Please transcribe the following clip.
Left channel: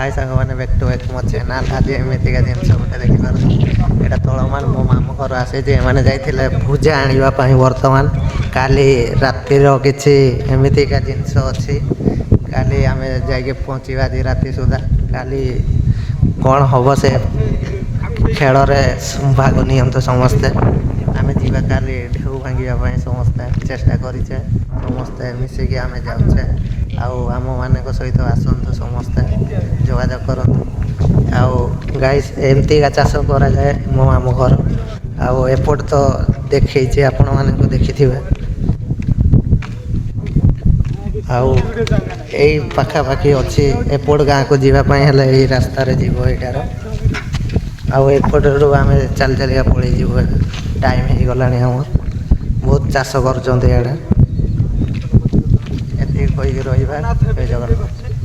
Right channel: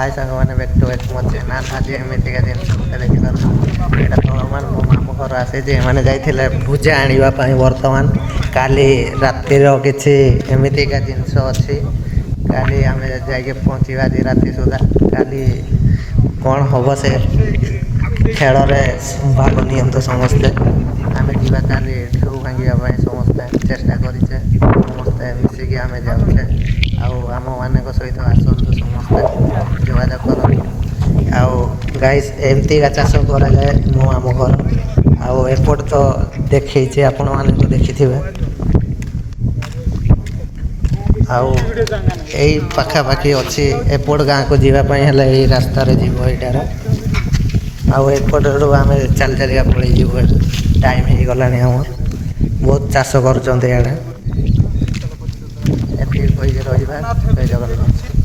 हाय सांग मैंने back to back मो चैनल आज एमती का जिन देखिए यहाँ तलमान मो मामू घर आसे मैंने जाइए भुजा आने बर्तमान काली रातिर किसी एमती का जिनस अच्छी काली आम जा पहुँचा आज राति सुधा काली कौन हम से खेल भाग नि समस्ते आम जा काली ढेउ भांगापी समस्ते चेष्टा करें समस्ते मिसिकी आम जाऊे आम मान सहित आसतु समस्ते जोगाजोग कर आउ गाइस एमती का चाष कराए मो आम घर आउट तो देखी आपण मान देखि आउ यही पाखापाखि अच्छी एपट गाँ को जीवाई रास्तार जीव यार आउट आम चल चलिका पड़े जीव टाइम हो गला आम बहुत चाष कर जगन्नाथ।